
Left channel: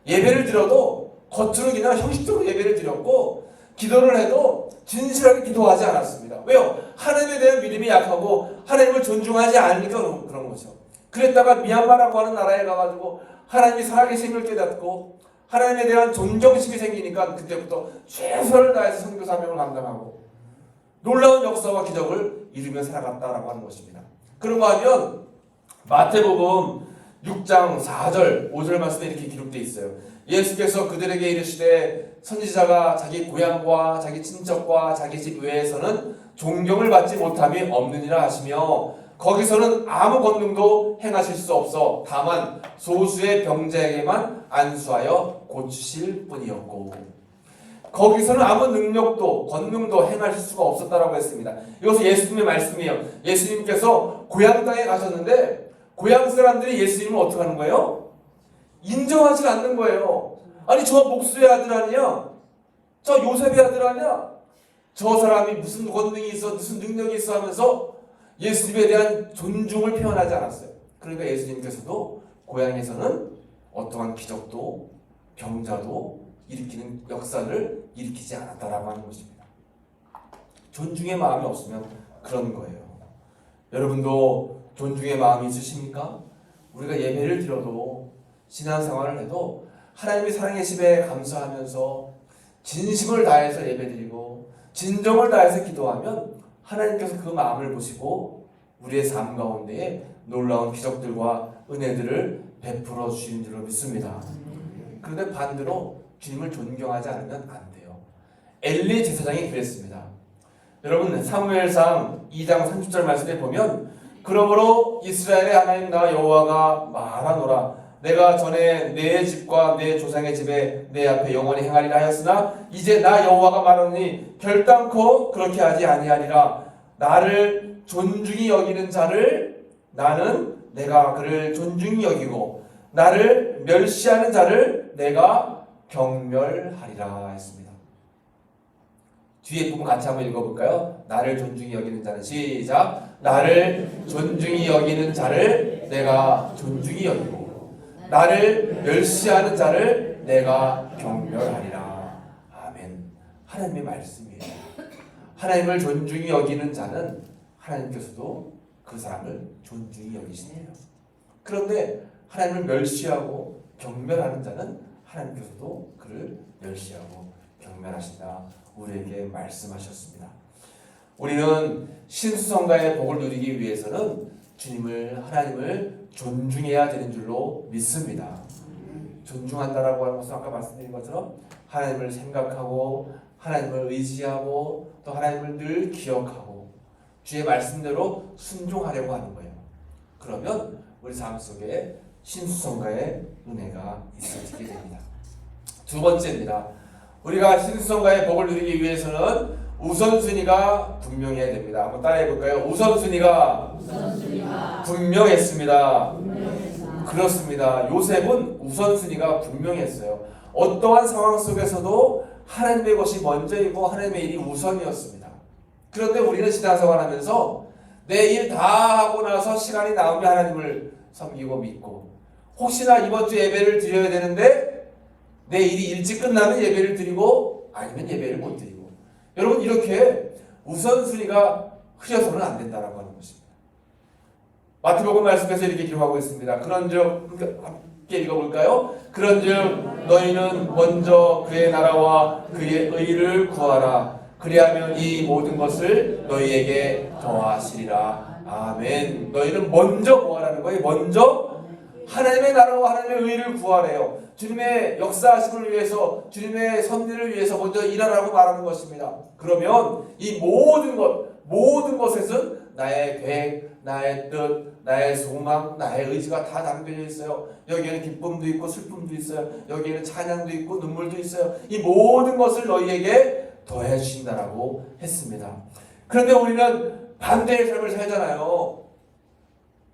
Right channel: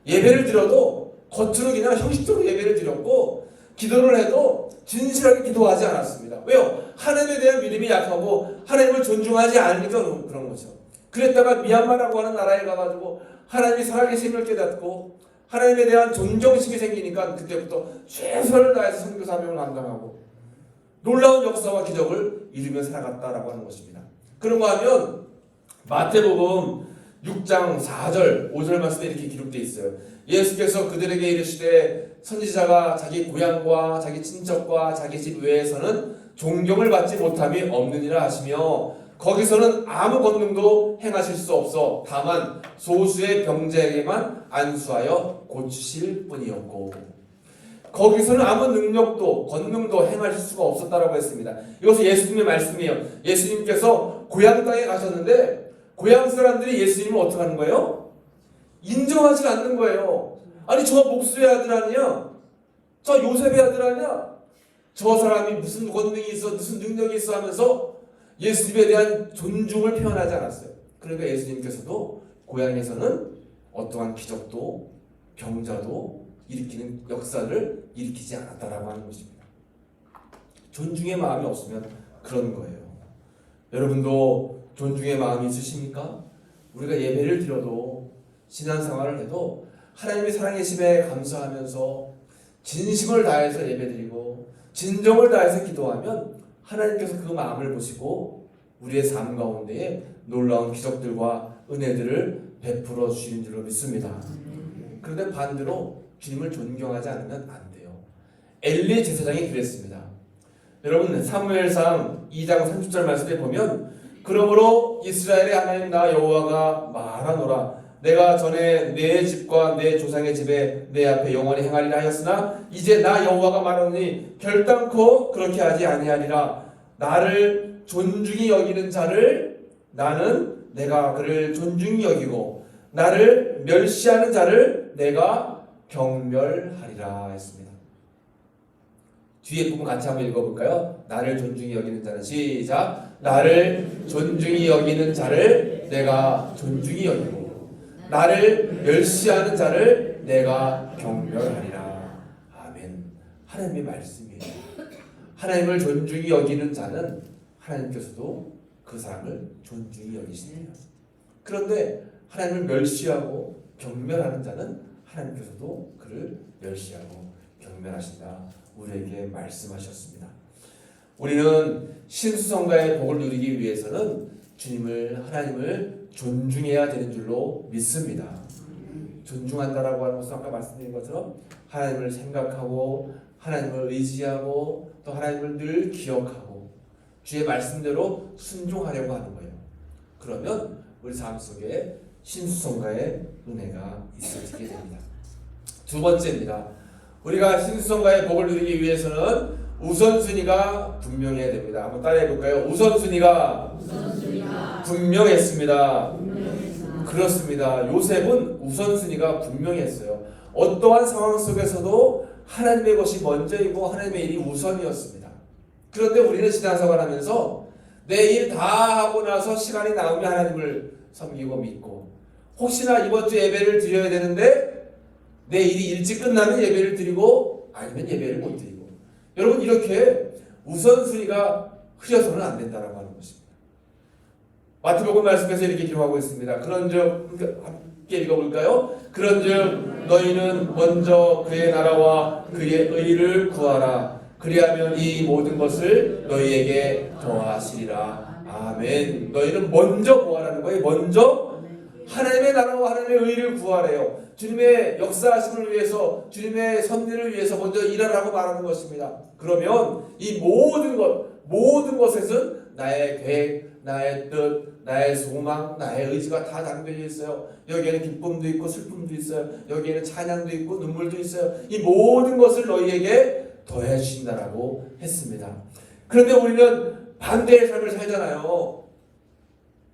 예배를 드려도 겉으로 그냥 형식적으로 예배를 드렸고 기도를 해도 진실하게 기도하지 않았습니다. 왜요? 하나님에 대한 믿음이 약하고 하나님을 존중하지 않으니까 그런 거죠. 그랬다가 미얀마라고 하는 나라에 가가지고 하나님이 살아계심을 깨닫고 하나님에 대한 존경심이 생기니까 그때부터 최선을 다해서 선교 사명을 감당하고 놀라운 역사와 기적을 이루며 살아갔다라고 하는 것입니다. 그런가 하면 마태복음 6장 4절 5절 말씀에 이렇게 기록되어 있어요. 예수께서 그들에게 이르시되 선지자가 자기 고향과 자기 친척과 자기 집 외에서는 존경을 받지 못함이 없느니라 하시며 거기서는 아무 권능도 행하실 수 없어 다만 소수의 병자에게만 안수하여 고치실 뿐이었고 거기서는 아무 능력도 권능도 행하실 수가 없었다라고 했습니다. 이것은 예수님의 말씀이에요. 예수님께서 고향 땅에 가셨는데 고향 사람들이 예수님을 어떻게 하는 거예요? 인정하지 않는 거예요. 아니 저 목수의 아들 아니야? 저 요셉의 아들 아니야? 저 사람이 무슨 권능이 있어 무슨 능력이 있어 하면서 예수님에 대한 존중을 표현하지 않았어요. 그러니까 예수님께서도 고향에서는 어떠한 기적도 병자도 일으키는 역사를 일으키지 않았다라고 하는 것입니다. 존중의 마음이 없으면 그런 거예요. 여러분도 존중의 마음이 있으십니까? 우리가 예배를 드려도 신앙생활을 해도 하나님의 사랑계심에 감사하면서 진심을 다해서 예배드리고 진정을 다해서 기도하면 하나님께서 그 마음을 보시고 우리의 삶 가운데에 놀라운 기적들과 은혜들을 베풀어 주시는 줄로 믿습니다. 그런데 반대로 주님을 존경하지 않으면 안 돼요. 엘리 제사장이 그랬습니다. 여러분 사무엘상 2장 30절 말씀에 보면 그러므로 이스라엘의 하나님 나 여호와가 말하노라 내가 전에 내 집과 내 조상의 집에 내 앞에 영원히 행하리라 하였으나 이제 나 여호와가 말하노니 결단코 그렇게 하지 아니하리라 나를 존중히 여기는 자를 나는 내가 그를 존중히 여기고 나를 멸시하는 자를 내가 경멸하리라 했습니다. 뒤에 부분 같이 한번 읽어볼까요? 나를 존중히 여기는 자는 시작. 나를 존중히 여기는 자를 내가 존중히 여기고 나를 멸시하는 자를 내가 경멸하리라. 아멘. 하나님의 말씀이에요. 하나님을 존중히 여기는 자는 하나님께서도 그 사람을 존중히 여기시네요. 그런데 하나님을 멸시하고 경멸하는 자는 하나님께서도 그를 멸시하고 경멸하신다. 우리에게 말씀하셨습니다. 우리는 신수성가의 복을 누리기 위해서는 하나님을 존중해야 되는 줄로 믿습니다. 존중한다라고 하는 것은 아까 말씀드린 것처럼 하나님을 생각하고 하나님을 의지하고 또 하나님을 늘 기억하고 주의 말씀대로 순종하려고 하는 거예요. 그러면 우리 삶 속에 신수성가의 은혜가 있어지게 됩니다. 두 번째입니다. 우리가 신수성가의 복을 누리기 위해서는 우선순위가 분명해야 됩니다. 한번 따라해 볼까요? 우선순위가 분명했습니다. 그렇습니다. 요셉은 우선순위가 분명했어요. 어떠한 상황 속에서도 하나님의 것이 먼저이고 하나님의 일이 우선이었습니다. 그런데 우리는 신앙생활 하면서 내 일 다 하고 나서 시간이 나오면 하나님을 섬기고 믿고 혹시나 이번 주 예배를 드려야 되는데 내 일이 일찍 끝나면 예배를 드리고 아니면 예배를 못 드리고 여러분 이렇게 우선순위가 흐려서는 안 된다라고 하는 것입니다. 마태복음 말씀에서 이렇게 기록하고 있습니다. 그런즉 함께 읽어볼까요? 그런즉 너희는 먼저 그의 나라와 그의 의를 구하라. 그리하면 이 모든 것을 너희에게 더하시리라. 아멘. 너희는 먼저 구하라는 거예요. 먼저 하나님의 나라와 하나님의 의를 구하래요. 주님의 역사하심을 위해서 주님의 섭리를 위해서 먼저 일하라고 말하는 것입니다. 그러면 이 모든 것에는 나의 계획, 나의 뜻, 나의 소망, 나의 의지가 다 담겨져 있어요. 여기에는 기쁨도 있고 슬픔도 있어요. 여기에는 찬양도 있고 눈물도 있어요. 이 모든 것을 너희에게 더해 주신다라고 했습니다. 그런데 우리는 반대의 삶을 살잖아요.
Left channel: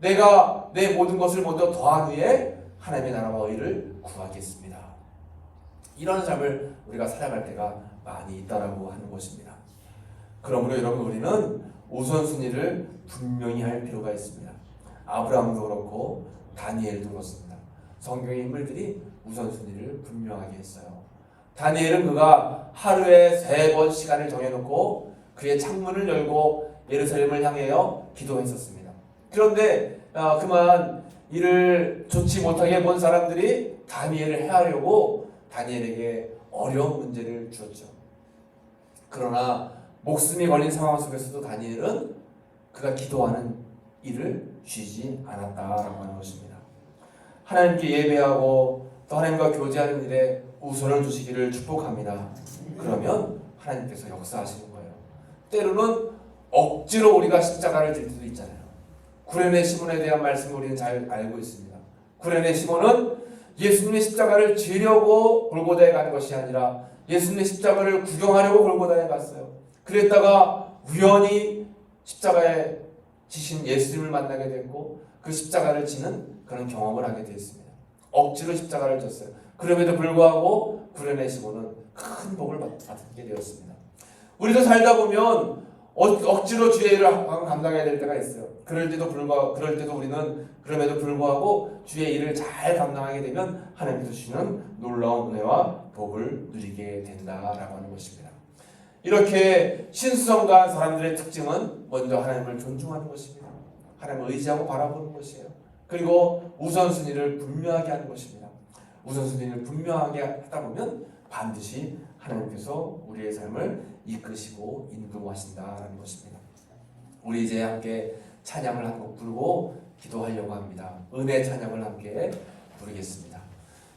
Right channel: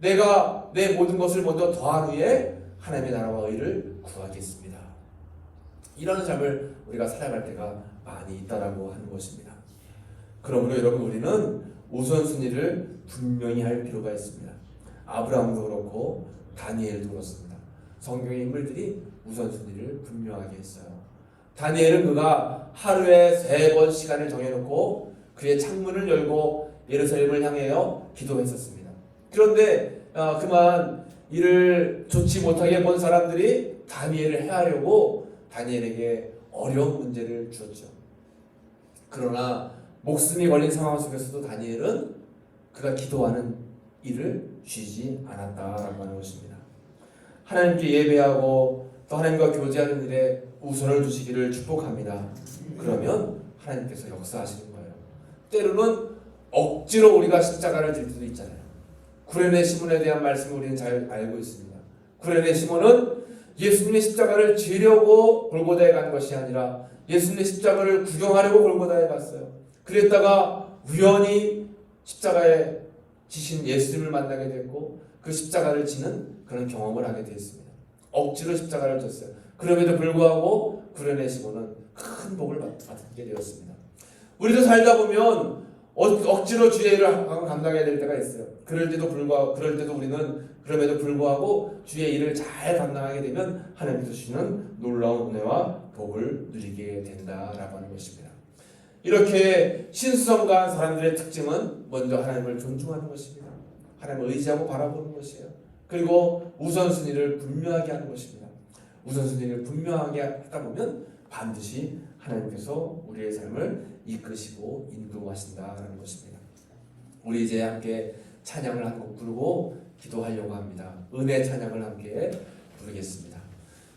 내가 내 모든 것을 먼저 더한 후에 하나님의 나라와 의를 구하겠습니다. 이런 삶을 우리가 살아갈 때가 많이 있다라고 하는 것입니다. 그러므로 여러분 우리는 우선순위를 분명히 할 필요가 있습니다. 아브라함도 그렇고 다니엘도 그렇습니다. 성경의 인물들이 우선순위를 분명하게 했어요. 다니엘은 그가 하루에 3번 시간을 정해놓고 그의 창문을 열고 예루살렘을 향하여 기도했었습니다. 그런데 그만 이를 좋지 못하게 본 사람들이 다니엘을 해하려고 다니엘에게 어려운 문제를 주었죠. 그러나 목숨이 걸린 상황 속에서도 다니엘은 그가 기도하는 일을 쉬지 않았다라고 하는 것입니다. 하나님께 예배하고 또 하나님과 교제하는 일에 우선을 두시기를 축복합니다. 그러면 하나님께서 역사하시는 거예요. 때로는 억지로 우리가 십자가를 질 수도 있잖아요. 구레네 시몬에 대한 말씀을 우리는 잘 알고 있습니다. 구레네 시몬은 예수님의 십자가를 지려고 골고다에 간 것이 아니라 예수님의 십자가를 구경하려고 골고다에 갔어요. 그랬다가 우연히 십자가에 지신 예수님을 만나게 됐고 그 십자가를 지는 그런 경험을 하게 되었습니다. 억지로 십자가를 졌어요. 그럼에도 불구하고 구레네 시몬은 큰 복을 받게 되었습니다. 우리도 살다 보면 억지로 주의 일을 감당해야 될 때가 있어요. 그럴 때도 우리는 그럼에도 불구하고 주의 일을 잘 감당하게 되면 하나님께서 주시는 놀라운 은혜와 복을 누리게 된다라고 하는 것입니다. 이렇게 신수성가한 사람들의 특징은 먼저 하나님을 존중하는 것입니다. 하나님을 의지하고 바라보는 것이에요. 그리고 우선순위를 분명하게 하는 것입니다. 우선순위를 분명하게 하다 보면 반드시 하나님께서 우리의 삶을 이끄시고 인도하신다라는 것입니다. 우리 이제 함께 찬양을 한 곡 부르고 기도하려고 합니다. 은혜 찬양을 함께 부르겠습니다.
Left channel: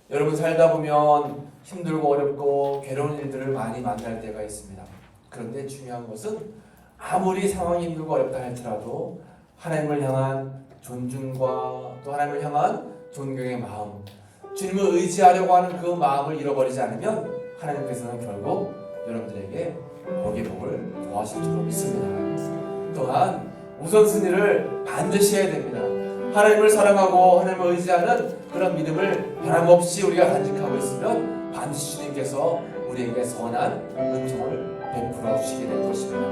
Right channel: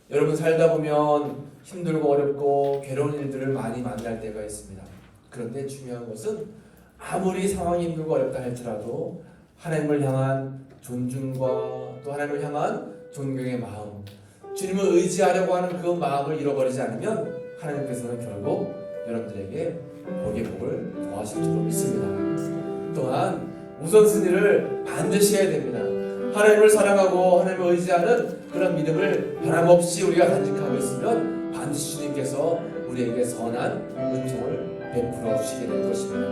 여러분 살다 보면 힘들고 어렵고 괴로운 일들을 많이 만날 때가 있습니다. 그런데 중요한 것은 아무리 상황이 힘들고 어렵다 할지라도 하나님을 향한 존중과 또 하나님을 향한 존경의 마음, 주님을 의지하려고 하는 그 마음을 잃어버리지 않으면 하나님께서는 결국 여러분들에게 복의 복을 더하실 줄 믿습니다. 또한 우선순위를 반드시 해야 됩니다. 하나님을 사랑하고 하나님을 의지하는 그런 믿음을 변함없이 우리가 간직하고 있으면 반드시 주님께서 우리에게 선한 은총을 베풀어 주시게 될 것입니다.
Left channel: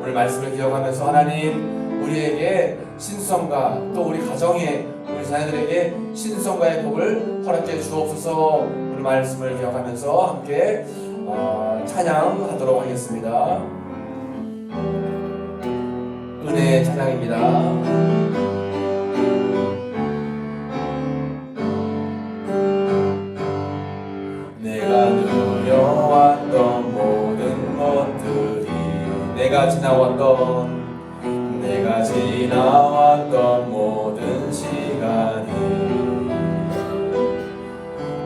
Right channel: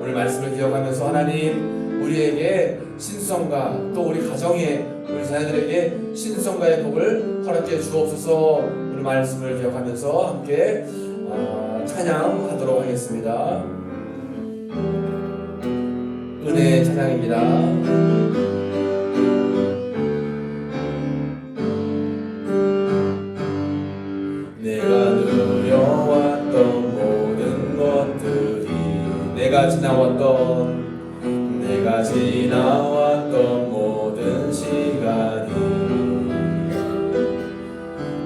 오늘 말씀을 기억하면서 하나님 우리에게 신성과 또 우리 가정에 우리 자녀들에게 신성과의 복을 허락해 주옵소서. 오늘 말씀을 기억하면서 함께 찬양하도록 하겠습니다. 은혜의 찬양입니다. 내가 지나왔던 모든 시간이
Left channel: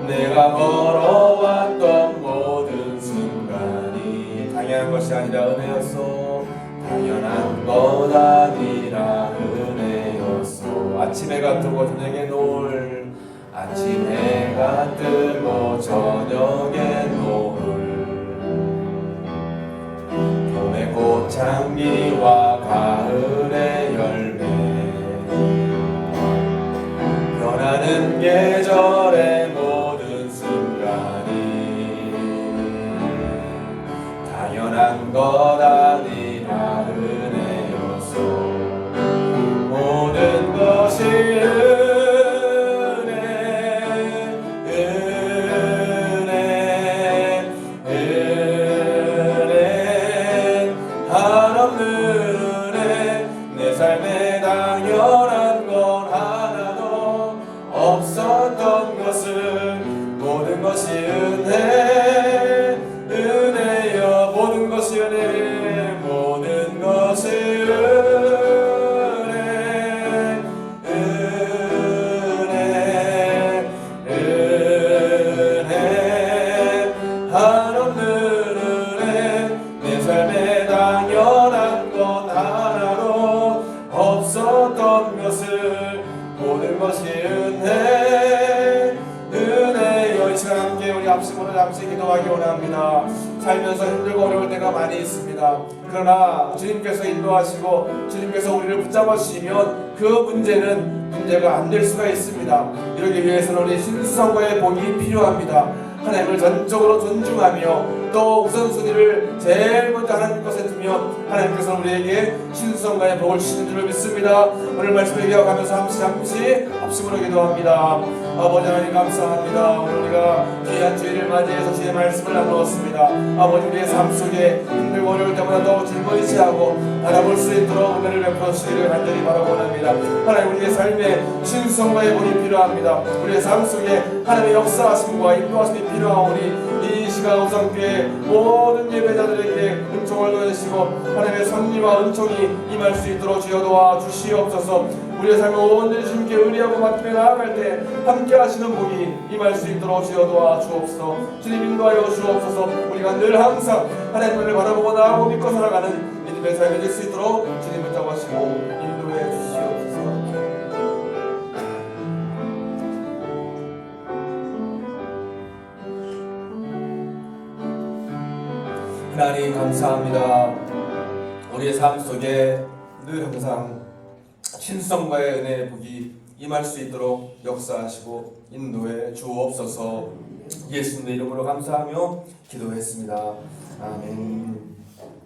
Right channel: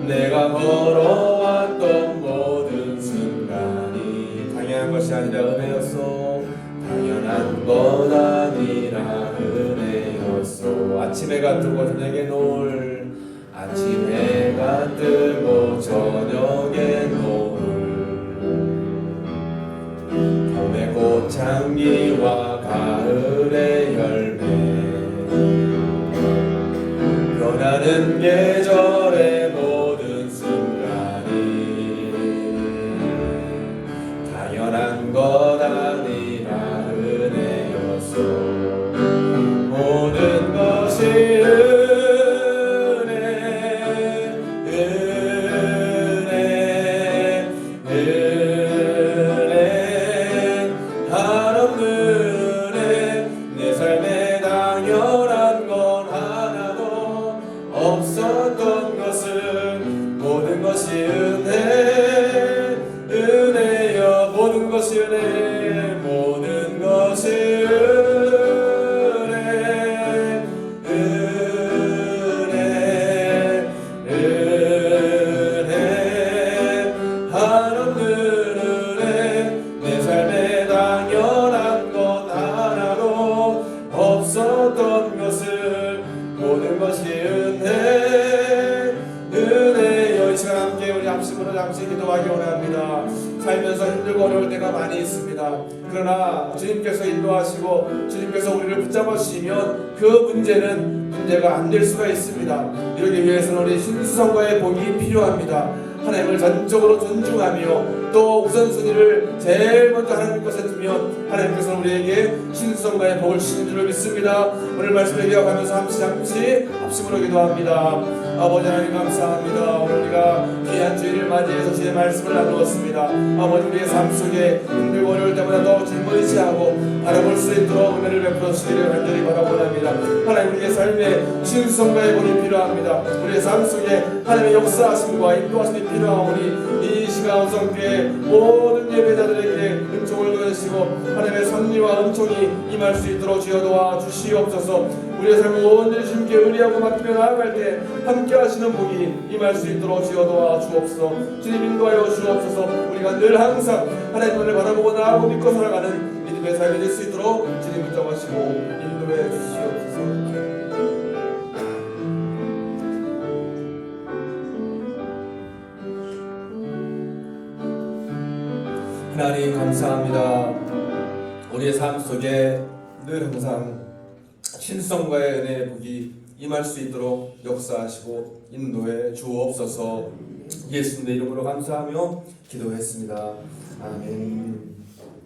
내가 걸어왔던 모든 순간이 당연한 것이 아니라 은혜였소. 당연한 것 아니라 은혜였소. 아침 해가 뜨고 저녁에 노을 아침 해가 뜨고 저녁에 노을 봄의 꽃향기와 가을의 열매 변하는 계절의 모든 순간이 당연한 것 아니라 은혜였소. 모든 것이 잠시 기도하기 원합니다. 살면서 힘들고 어려울 때가 많이 있습니다. 그러나 주님께서 인도하시고 주님께서 우리를 붙잡아 주시면 그 문제가 안 될 수가 있습니다. 이러기 위해서는 우리 신성과의 복이 필요합니다. 하나님을 전적으로 존중하며 또 우선순위를 제일 먼저 하나님 것에 두면 하나님께서 우리에게 신성과의 복을 주시는 줄을 믿습니다. 오늘 말씀을 기억하면서 잠시 합심으로 기도합니다. 아버지 하나님 감사합니다. 오늘 우리가 귀한 주일을 맞이해서 주의 말씀을 나누었습니다. 아버지 우리의 삶 속에 힘들고 어려울 때마다 더 주님을 의지하고 바라볼 수 있도록 은혜를 베풀어 주시기를 간절히 바라봅니다. 하나님 우리의 삶에 신성과의 복이 필요합니다. 우리의 삶 속에 하나님의 역사하심과 인도하심이 필요하오니 이 시간 오성교회 모든 예배자들에게 은총을 더해주시고 하나님의 선미와 은총이 임할 수 있도록 주여 도와주시옵소서. 우리의 삶을 온전히 주님께 의리하고 맡기며 나아갈 때 함께 하시는 복이 임할 수 있도록 주여 도와주옵소서. 주님 인도하여 주옵소서. 우리가 늘 항상 하나님을 바라보고 나아가고 믿고 살아가는 믿음의 삶이 될 수 있도록 주님 붙잡으시고 인도해 주시옵소서. 하나님 감사합니다. 우리의 삶 속에 늘 항상 신성과의 은혜의 복이 임할 수 있도록 역사하시고 인도해 주옵소서. 예수님의 이름으로 감사하며 기도했습니다. 아멘.